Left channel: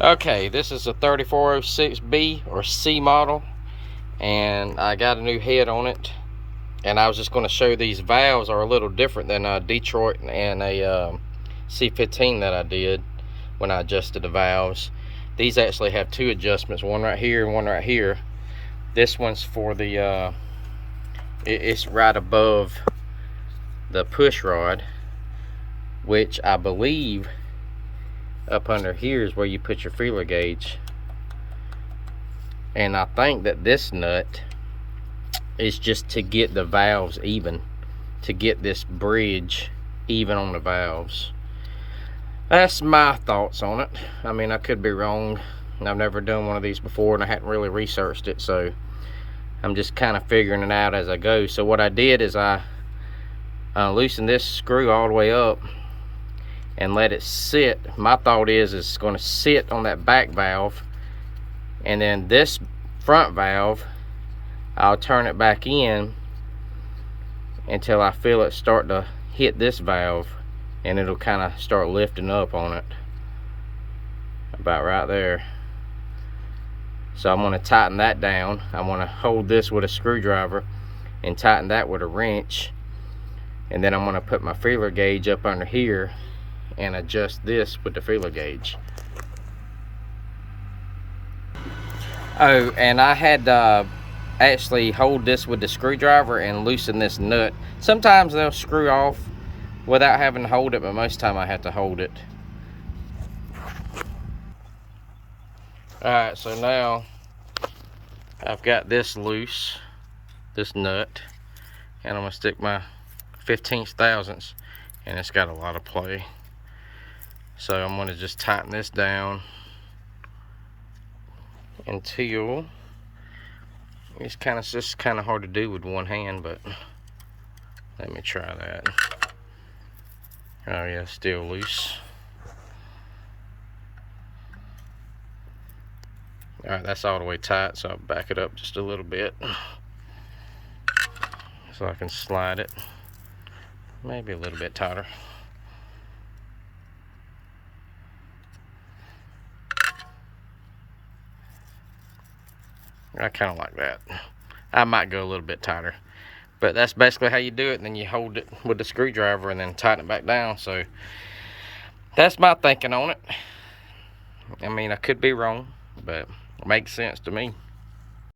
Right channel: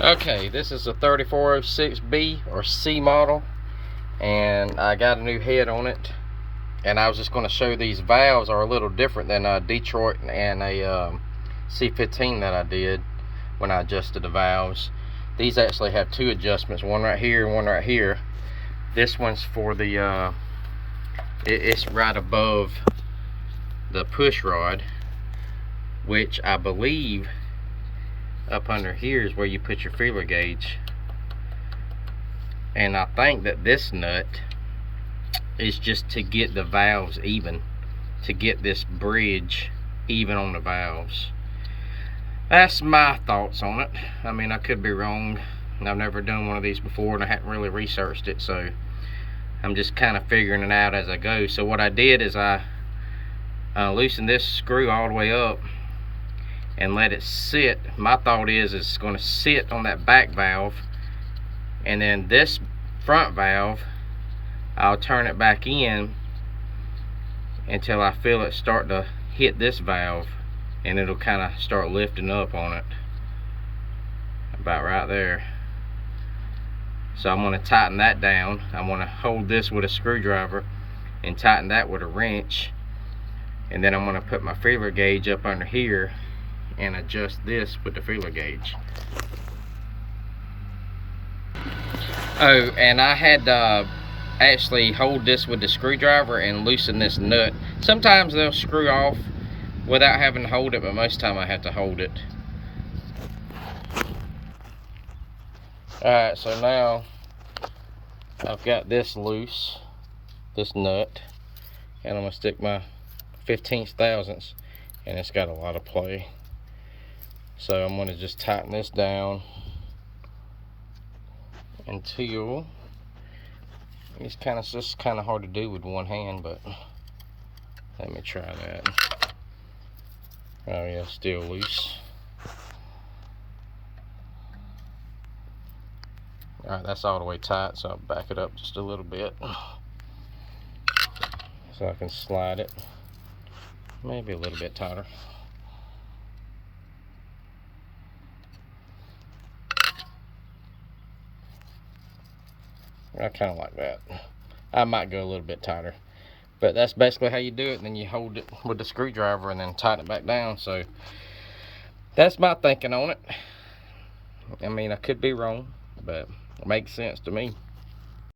Okay, this is a 3406B or C model, and I got a new head on it. And I was just going to show these valves are a little different than a Detroit and a C15 that I did when I adjusted the valves. These actually have two adjustments, one right here and one right here. This one's for the it's right above the push rod, which I believe up under here is where you put your feeler gauge. And I think that this nut is just to get the valves even, to get this bridge even on the valves. That's my thoughts on it. I mean, I could be wrong. I've never done one of these before and I hadn't really researched it, so I'm just kind of figuring it out as I go. So what I did is I loosened this screw all the way up and let it sit. My thought is it's going to sit on that back valve, and then this front valve I'll turn it back in until I feel it start to hit this valve, and it'll kind of start lifting up on it about right there. So I'm going to tighten that down. I'm going to hold this with a screwdriver and tighten that with a wrench, and then I'm going to put my feeler gauge up under here and adjust this with the feeler gauge. Oh, and I had to actually hold this with the screwdriver and loosen this nut. Sometimes they'll screw off without having to hold it, but most of the time I have to hold it. Alright, so now I've got this loose, this nut, and I'm going to stick my 15th thousandths, and it's got a lot of play. So I'm going to just tighten this down until it's just kind of hard to do with one hand, but let me try that. Oh yeah, still loose. All right, that's all the way tight, so I'll back it up just a little bit so I can slide it maybe a little bit tighter. I kind of like that. I might go a little bit tighter, but that's basically how you do it. And then you hold it with the screwdriver and then tighten it back down. So that's my thinking on it. I mean, I could be wrong, but it makes sense to me.